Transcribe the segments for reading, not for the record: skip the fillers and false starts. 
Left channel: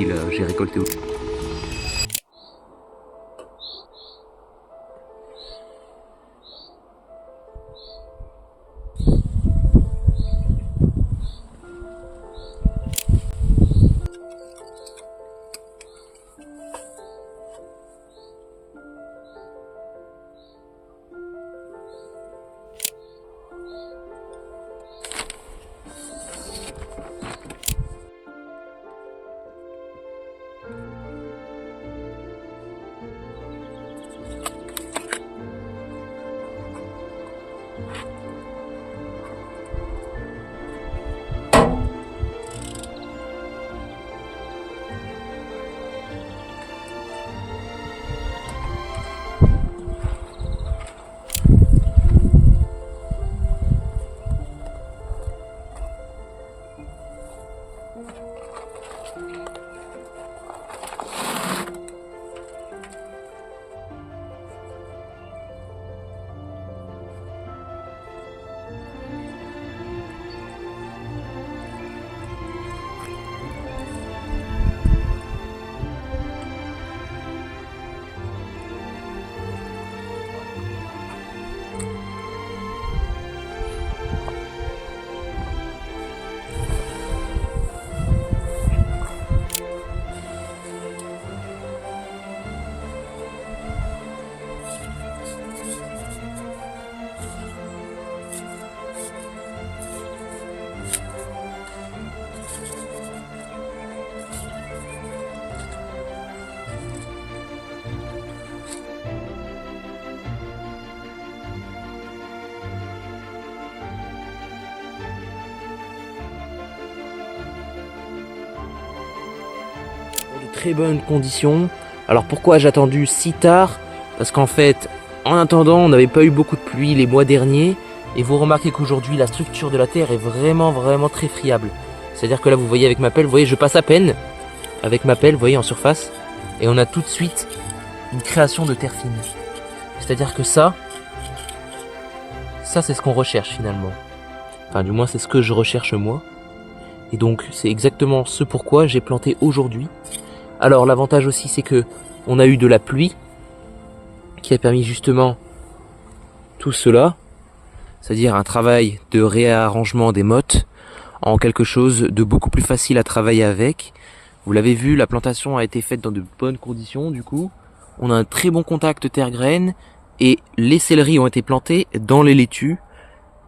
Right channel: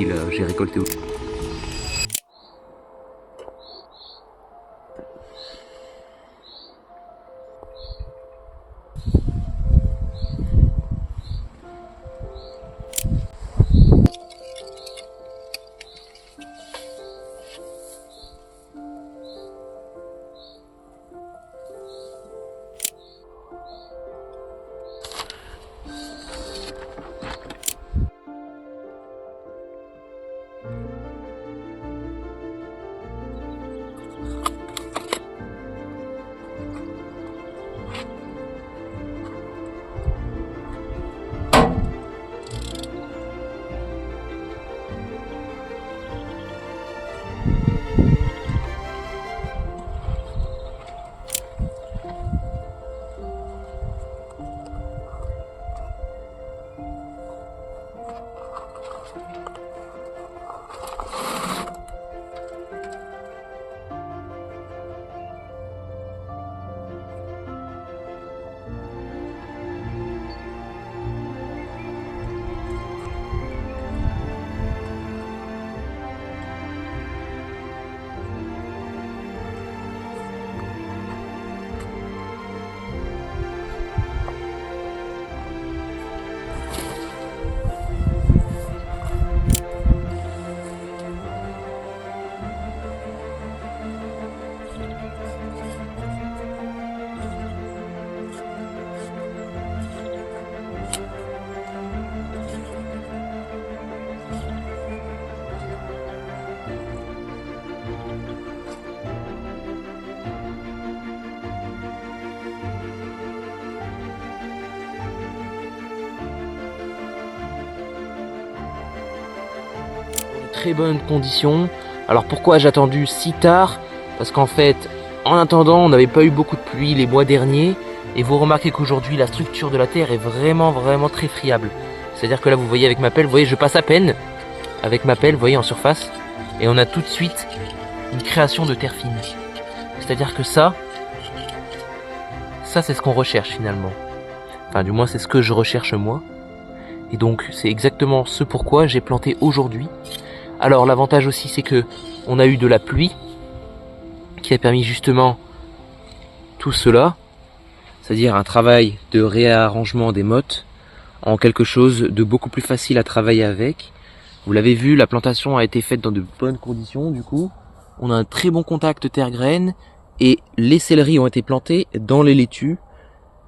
qu'il j'ai récolté. Très bonnes conditions. Alors pourquoi j'ai attendu si tard? Parce qu'en fait, en attendant, on n'avait pas eu beaucoup de pluie les mois derniers. Et vous remarquez qu'aujourd'hui, la structure de la terre est vraiment très friable. C'est-à-dire que là, vous voyez avec ma pelle, vous voyez, je passe à peine avec ma pelle, vous voyez, en surface. Et on a tout de suite une création de terre fine. C'est-à-dire que ça c'est ce qu'on recherche finalement. Enfin, du moins, c'est ce que je recherche moi. Et donc, c'est exactement ce pourquoi j'ai planté aujourd'hui. Alors l'avantage aussi c'est que on a eu de la pluie qui a permis justement tout cela, c'est-à-dire un travail de réarrangement des mottes en quelque chose de beaucoup plus facile à travailler avec. Vous l'avez vu, la plantation a été faite dans de bonnes conditions du coup. On a un très bon contact terre-graine et les céleris ont été plantés dans les laitues.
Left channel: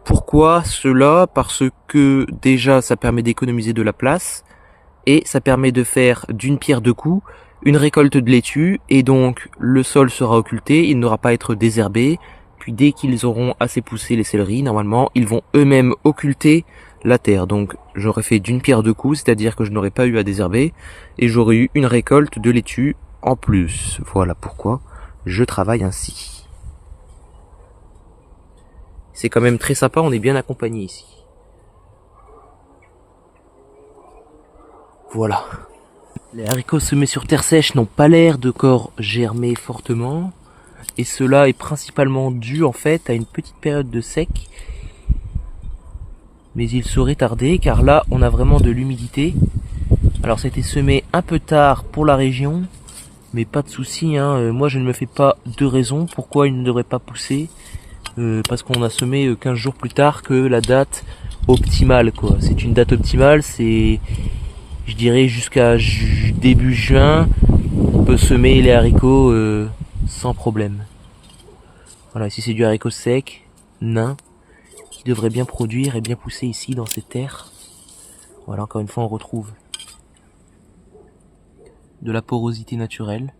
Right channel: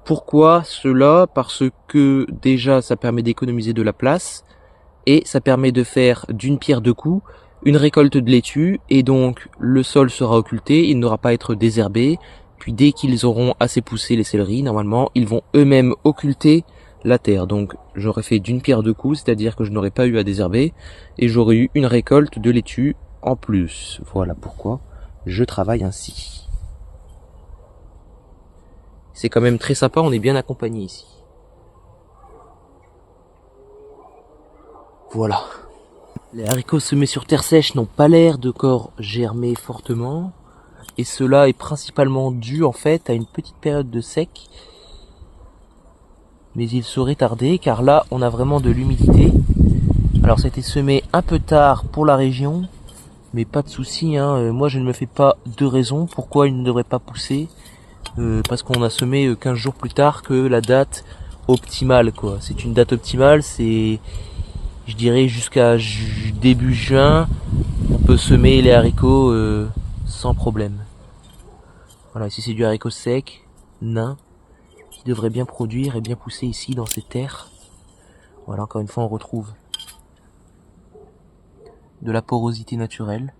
Pourquoi cela? Parce que déjà ça permet d'économiser de la place. Et ça permet de faire d'une pierre deux coups une récolte de laitue et donc le sol sera occulté, il n'aura pas à être désherbé. Puis dès qu'ils auront assez poussé les céleris, normalement ils vont eux-mêmes occulter la terre. Donc j'aurais fait d'une pierre deux coups, c'est-à-dire que je n'aurais pas eu à désherber et j'aurais eu une récolte de laitue en plus. Voilà pourquoi je travaille ainsi. C'est quand même très sympa, on est bien accompagné ici. Voilà. Les haricots semés sur terre sèche n'ont pas l'air de corps germer fortement. Et cela est principalement dû en fait à une petite période de sec. Mais il saurait tarder car là on a vraiment de l'humidité. Alors ça a été semé un peu tard pour la région. Mais pas de souci, hein. Moi je ne me fais pas de raison pourquoi il ne devrait pas pousser. Parce qu'on a semé 15 jours plus tard que la date optimale quoi. C'est une date optimale, c'est... Je dirais jusqu'à début juin, on peut semer les haricots sans problème. Voilà, ici c'est du haricot sec, nain, qui devrait bien produire et bien pousser ici dans ces terres. Voilà, encore une fois on retrouve de la porosité naturelle.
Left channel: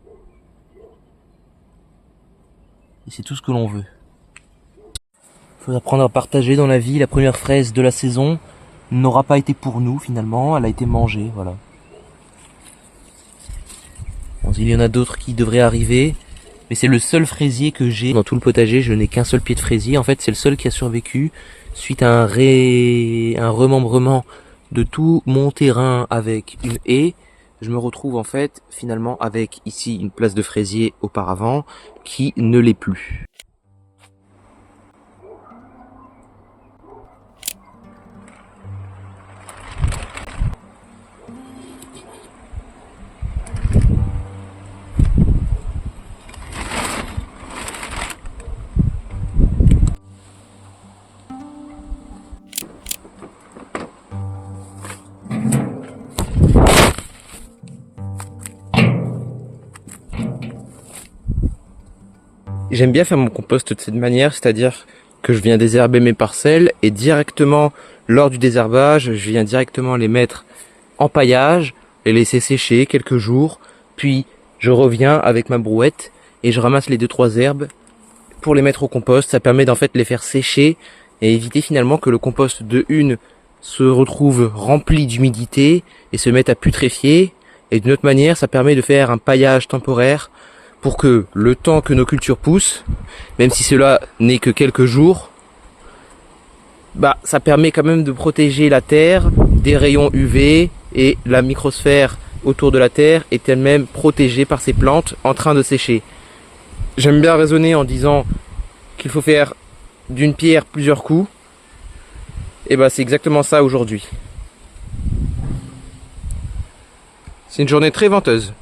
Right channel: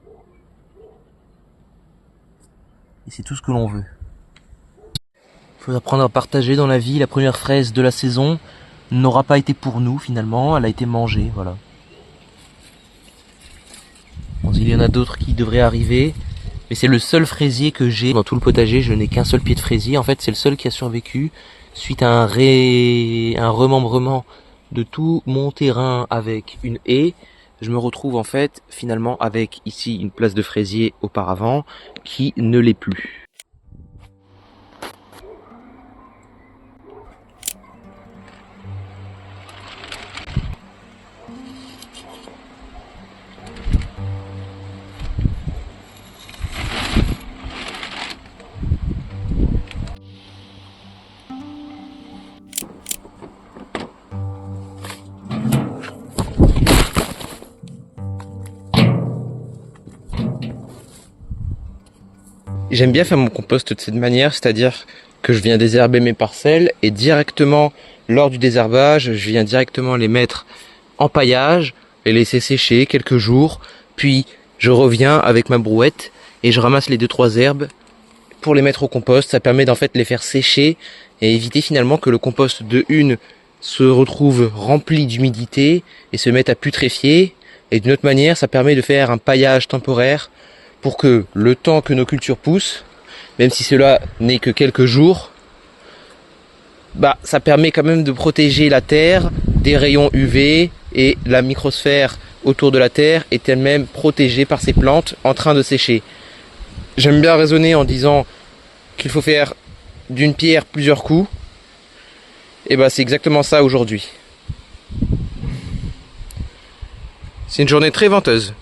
Et c'est tout ce que l'on veut. Il faut apprendre à partager dans la vie. La première fraise de la saison n'aura pas été pour nous finalement, elle a été mangée, voilà. Bon, il y en a d'autres qui devraient arriver, mais c'est le seul fraisier que j'ai dans tout le potager. Je n'ai qu'un seul pied de fraisier, en fait c'est le seul qui a survécu suite à un remembrement de tout mon terrain avec une haie. Je me retrouve en fait finalement avec ici une place de fraisier auparavant qui ne l'est plus. J'aime bien faire mon compost de cette manière, c'est-à-dire que je viens désherber mes parcelles et directement, lors du désherbage, je viens directement les mettre en paillage, les laisser sécher quelques jours, puis je reviens avec ma brouette et je ramasse les 2-3 herbes pour les mettre au compost. Ça permet d'en fait les faire sécher et éviter finalement que le compost de une se retrouve rempli d'humidité et se mette à putréfier. Et d'une autre manière, ça permet de faire un paillage temporaire pour que le temps que nos cultures poussent, même si cela n'est que quelques jours, ça permet quand même de protéger la terre des rayons UV et la microsphère autour de la terre est elle-même protégée par ces plantes en train de sécher. J'aime bien raisonner en disant qu'il faut faire d'une pierre plusieurs coups. Et c'est exactement ça aujourd'hui. C'est une journée très venteuse.